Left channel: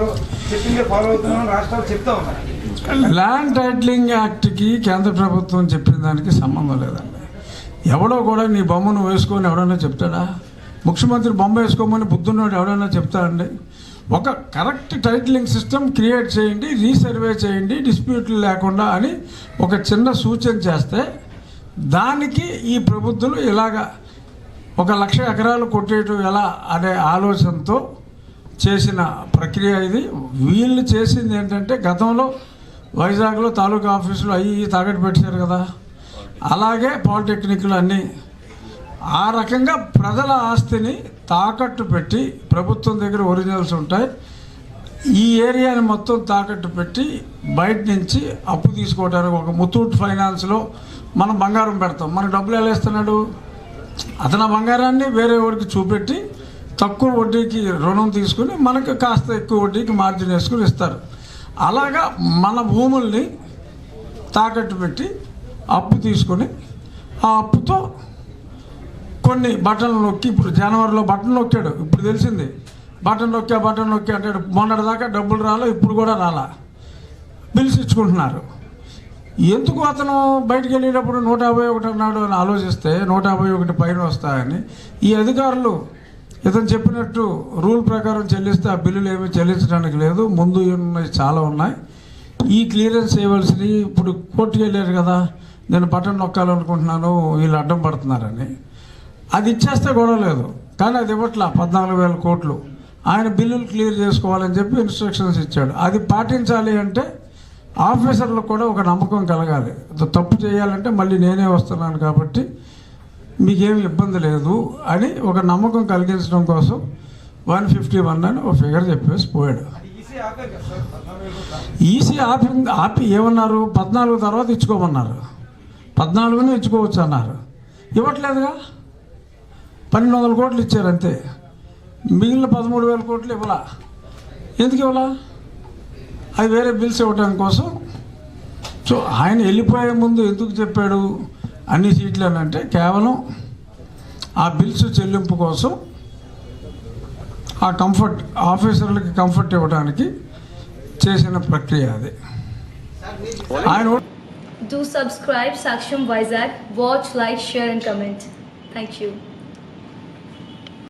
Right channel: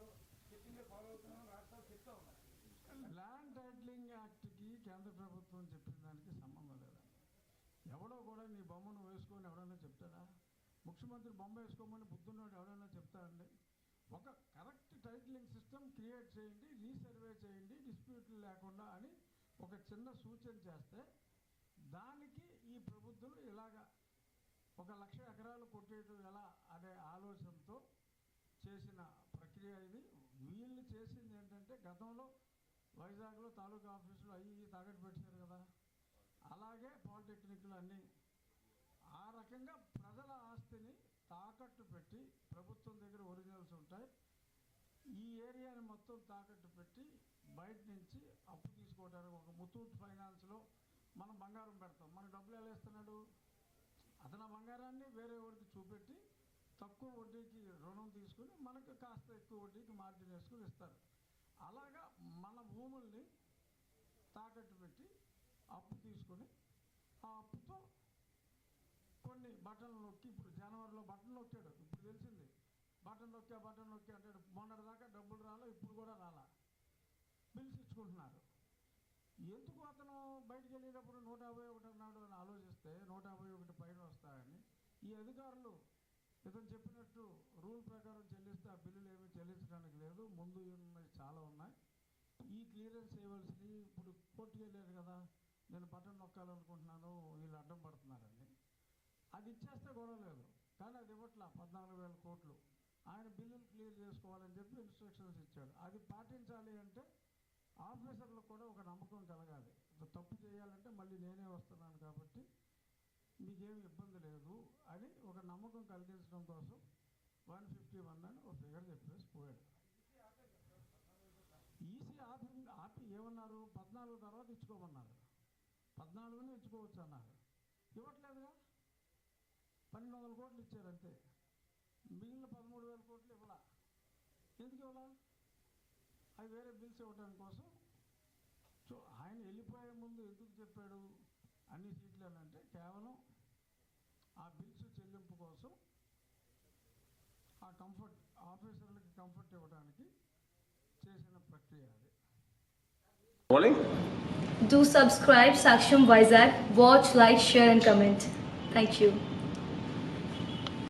Follow చెప్పిందే follow అవుతున్నాం రాష్ట్రాలు చెప్తా ఉన్నాయి ల్యాండ్ టైటిలింగ్ యాక్ట్కి కేంద్ర ప్రభుత్వం చెప్పిన దానికి సంబంధం లేదండి. ఎవడో కూడా నీ బొమ్మను వేసుకొని ఎవడన్నా చెప్తాడా? ముఖ్యమంత్రి బొమ్మ వేసుకోమని బుద్ధున్నోడు ఎవడన్నా చెప్తాడండి ఒక కరెక్ట్ టైటిలింగ్ సిస్టమ్ క్రియేట్ చేయండి రీసర్వే చేయండి డిస్ప్యూట్లు లేకుండా అని ఒక చిన్న సూచన చేస్తే దానికి ఈ ప్రభుత్వం ఇలాగా ఒక లక్ష ఎకరాలు కొట్టేయటం ఎలా అనే ఆలోచనతో చేసిన ప్రక్రియ ఇది. వీళ్ళు చేసింది ఏంటంటే గతంలో వైజాగ్లో తాలూకా ఆఫీసులు అవి ఇవి తాకట్టు పెట్టారు కదా. అలాగే పాలిటెక్నిక్లు అన్నీ. ఆ రకంగా ప్రజల ఆస్తిని తాకట్టు పెట్టి ప్రభుత్వం దగ్గర ఒరిజినల్స్ ఉంటాయి. ఈ ఏరియాని మొత్తం తాకట్టు పెట్టి బయట నుంచి అప్పు తీసుకోవడానికి ఒక ముతూట్ ఫైనాన్స్లో మనం బంగారం పెడతాం. మన డబ్బులు ఎలా ఇస్తున్నాడు? అతను బంగారాన్ని వేరే వాడికి చూపెట్టి తక్కువ వడ్డీకి రుణం తీసుకుని మనకు కాస్త ఎక్కువ వడ్డీకి మార్జిన్ వేసుకుని ఇస్తారు. అలాగా మన భూముల్ని తాకట్టు పెట్టి అప్పు తీసుకొని ఆ అప్పుతో కొన్ని బటన్లు నొక్కి ఇప్పుడు జనవరిలో బటన్ నొక్కాడు ఇప్పుడు తెలిసింది. బటన్ నొక్కా బటన్ నొక్కా అంటాడు మొన్నటిదాకా డబ్బులు రాలే ఇప్పుడు కూడా రాలా. బిల్స్ ఇచ్చుకుంటున్నారు. ఎందుకు అతను బయటికి వెళ్ళేటప్పుడు నూట యాభై ఒకటి అన్నాడు అని ఆలోచిస్తే నూట యాభై ఒకటి పైన వస్తాయని ఈ అధికారులు ఇతను చెప్పినట్టు రూల్ ప్రకారం చెల్లిస్తే ఆ బిల్లులు ఏమీ చెల్లించడానికి లేదు. ముందు ఉన్నాయి చాలా ఉన్నాయి. ఈ క్లియరెన్స్ చేయవలసినవి ఇప్పుడు కోర్టుకి వెళ్ళారు కదా నేను బటన్ నొక్కాలనుకుంటున్నాను వీళ్ళు అడ్డం పడుతున్నారని. అది ఇచ్చేస్తే గొడవ లేదు. కానీ అది ఇవ్వట్లా పద్నాలుగు వేల కోట్లు. ఆయన బిల్లులు క్లియర్ చేసుకోవాలని చెప్పి ఇన్స్ట్రక్షన్స్ ఇచ్చాడు. అది పాటించాలి అంటే ఆఫీసర్లకు కూడా ఒక నమ్మకం కలగాలి. తప్పు చేయాలంటే మళ్ళీ నేనే వస్తున్నాను కాబట్టి మీకేం ఇబ్బంది లేదు అని ఒక నమ్మకం కలిగించడం కోసం వన్ ఫిఫ్టీ వన్ అని ఒక ఫిగర్ చెప్పేసి పోయాడు. ఈసీ ఈసీ ఆపి ఆపి ఏమన్నారు? పద్నాలుగు తర్వాత ఇచ్చుకోమన్నారు. పద్నాలుగునే ఇచ్చుకోవచ్చు అన్నారు. ఇవ్వట్లేదుగా? పన్నెండు వందల కోట్లు ఇచ్చారు అంతే. మిగిలిన పదమూడు వేల కోట్లు ఇవ్వలా? ఎందుకు ఇవ్వలా? అది వేరే బిల్స్ ఇవ్వడం కోసం. సో ఆయన వెళ్ళిపోయే ముందు ఎందుకు చెప్పాడు? అన్ని సీట్లు అంటే కేవలం ఆ బిల్స్ చెల్లింపు కోసం ఆ కంఫర్ట్ ఆఫీసర్లకి కంఫర్ట్ ఇవ్వడానికి చేసిన ప్రక్రియ అది ఆయన Do subscribe Saksham Vizag. Watch, like, share, and comment. Thank you.